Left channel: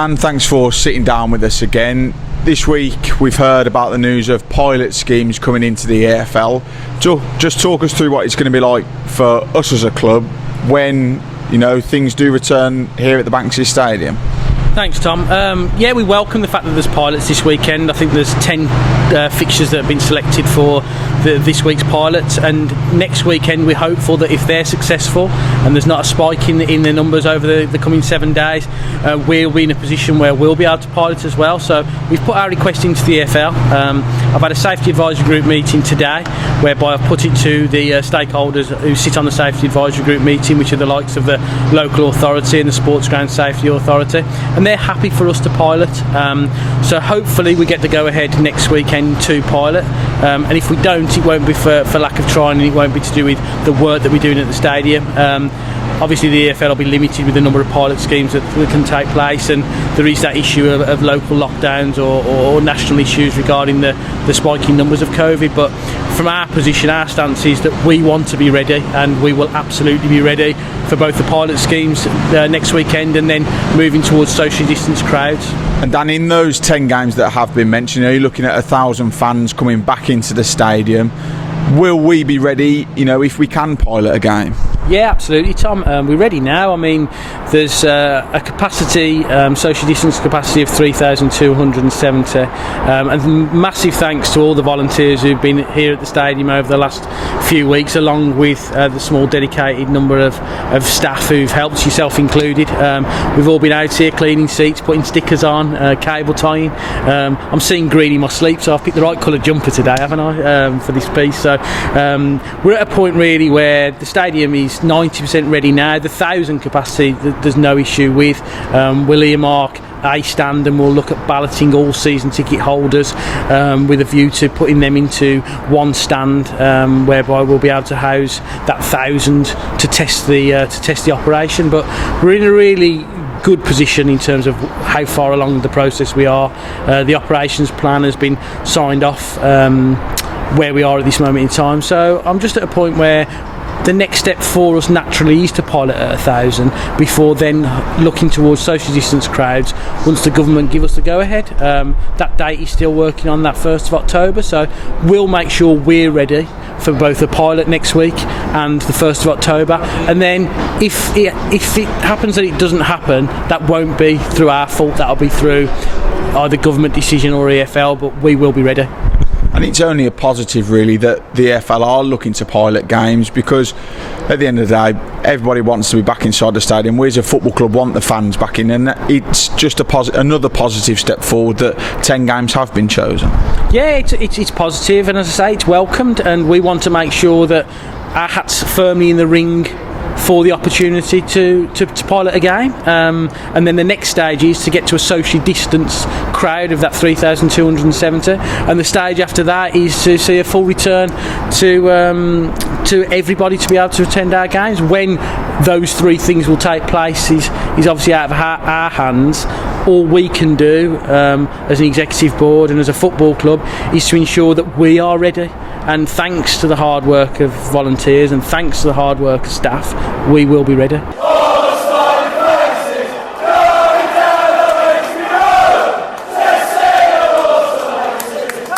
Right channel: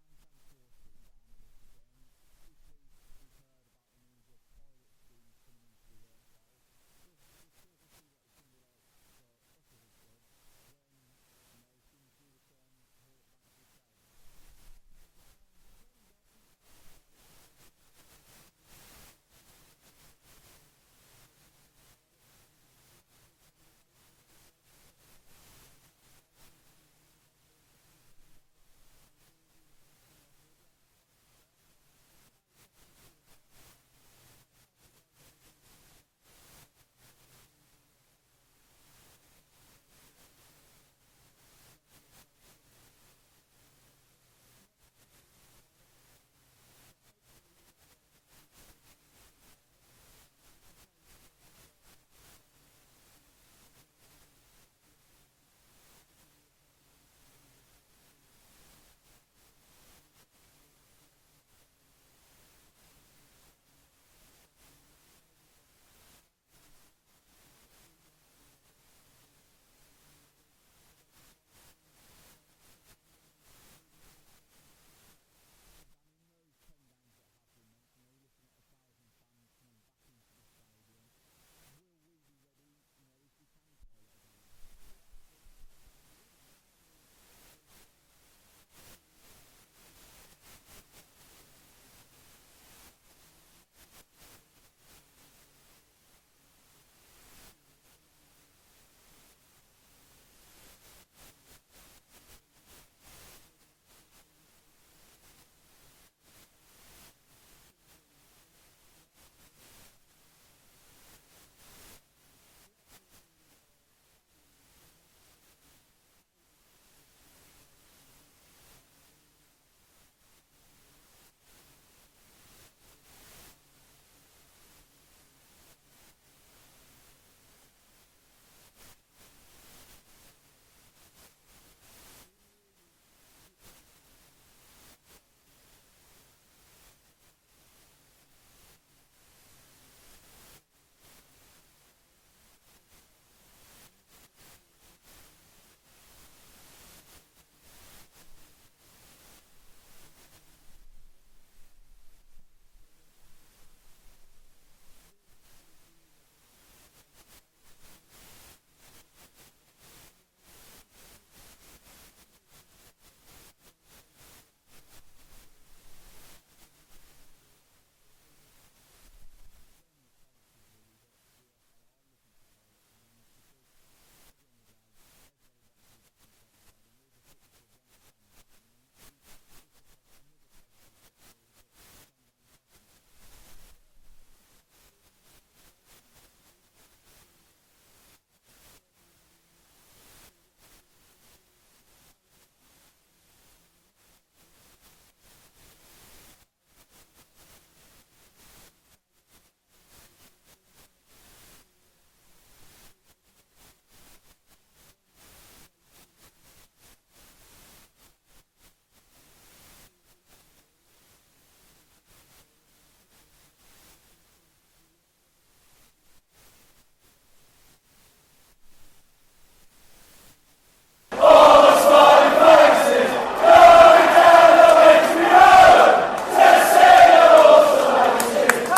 Dan, thanks for sitting down with us again. This week we've heard about the news of pilot schemes coming into the EFL. So just talk us through what it's going to be like for us as a club when, you know, things do return here at the Banksy Stadium. Thanks, Tom. We welcome the fact that there's pilots this weekend. I think there's 10 fixtures that have been selected for this week's pilots, and next weekend we're hopeful that if they're successful and there's not a spike in the numbers over the coming 7 days, we'll be in a position where we'll be able to pilot as well. So we've put our request into the EFL. I've had a safety advisory group meeting today whereby I've put it to the stakeholders who sit on the safety advisory group meeting, which are the likes of the local authority and the Sports Ground Safety Authority, and they're happy for us to pilot. So hopefully we get the go ahead next weekend to pilot, and if we don't, it won't be for lack of trying, and it won't be to do with the work that we're doing at the stadium. Obviously the EFL will be limited with the number of pilot schemes that can take place, and there is that issue of local lockdowns or national issues regarding the spiking numbers of COVID. But from our position, our stance is that we want to be ready, and we will absolutely be ready for both the pilot schemes next weekend and then moving towards socially distanced crowds. And Dan, in those 10 games that have been mentioned, are you looking at 1,000 fans coming back into the stadium? Will we be ready, you know, if we can pilot a game? Yeah, absolutely, Tom. We're ready now. I mean, there's a capacity, social distance capacity of 3,270, and massive thanks to all the volunteers who've been here at the stadium over the last few weeks, along with the small dedicated number of staff who've helped, yourself included. We've all been out here cleaning seats, putting stickers on, cable tying. I'm seeing green in my sleep, so I've picked the right colour jumper today, haven't I, for this piece. So we're at a point really where the stadium is 90% ready now. The 1,000 capacity there's no issue with. We'll earmark a stand and we'll look at balloting all season ticket holders with a view to putting them into one stand, whereby we'll be able to house that 1,000 to test the operation. But we're in a really good position in terms of how far along the process we are. The operations plan has been signed off where we are at this moment in time, so I'm just at a point where the next step for us naturally is to pilot at 1,000 before then looking towards social distance crowds once the government give us the go ahead. That date is still working on, that 1st of October, so we'll make sure we're ready for both the pilot next week and the 1st of October, and then if it happens that it doesn't happen, that won't be through our fault, that'll be through either government decision or EFL, but we will be ready. And it's only a positive really that the EFL are looking to pilot games, because at the end of the day everybody wants to be back inside the stadium. We as a football club want the fans back in, and it's just another positive step forward that 10 games have been chosen. Yeah, it's positive, and as I say, it's welcomed, and we want to make sure that our hat's firmly in the ring for the opportunity to pilot a game, and then the next stage is to get to a socially distanced crowd of that 3,270, and the stage after that is to see a full return to everybody to be able to attend our games. When those three things will take place is obviously out of our hands. All we can do as an executive board and as a football club is to ensure that we are ready. And thanks to the hard work of volunteers and thanks to the hard work of staff, we will be ready.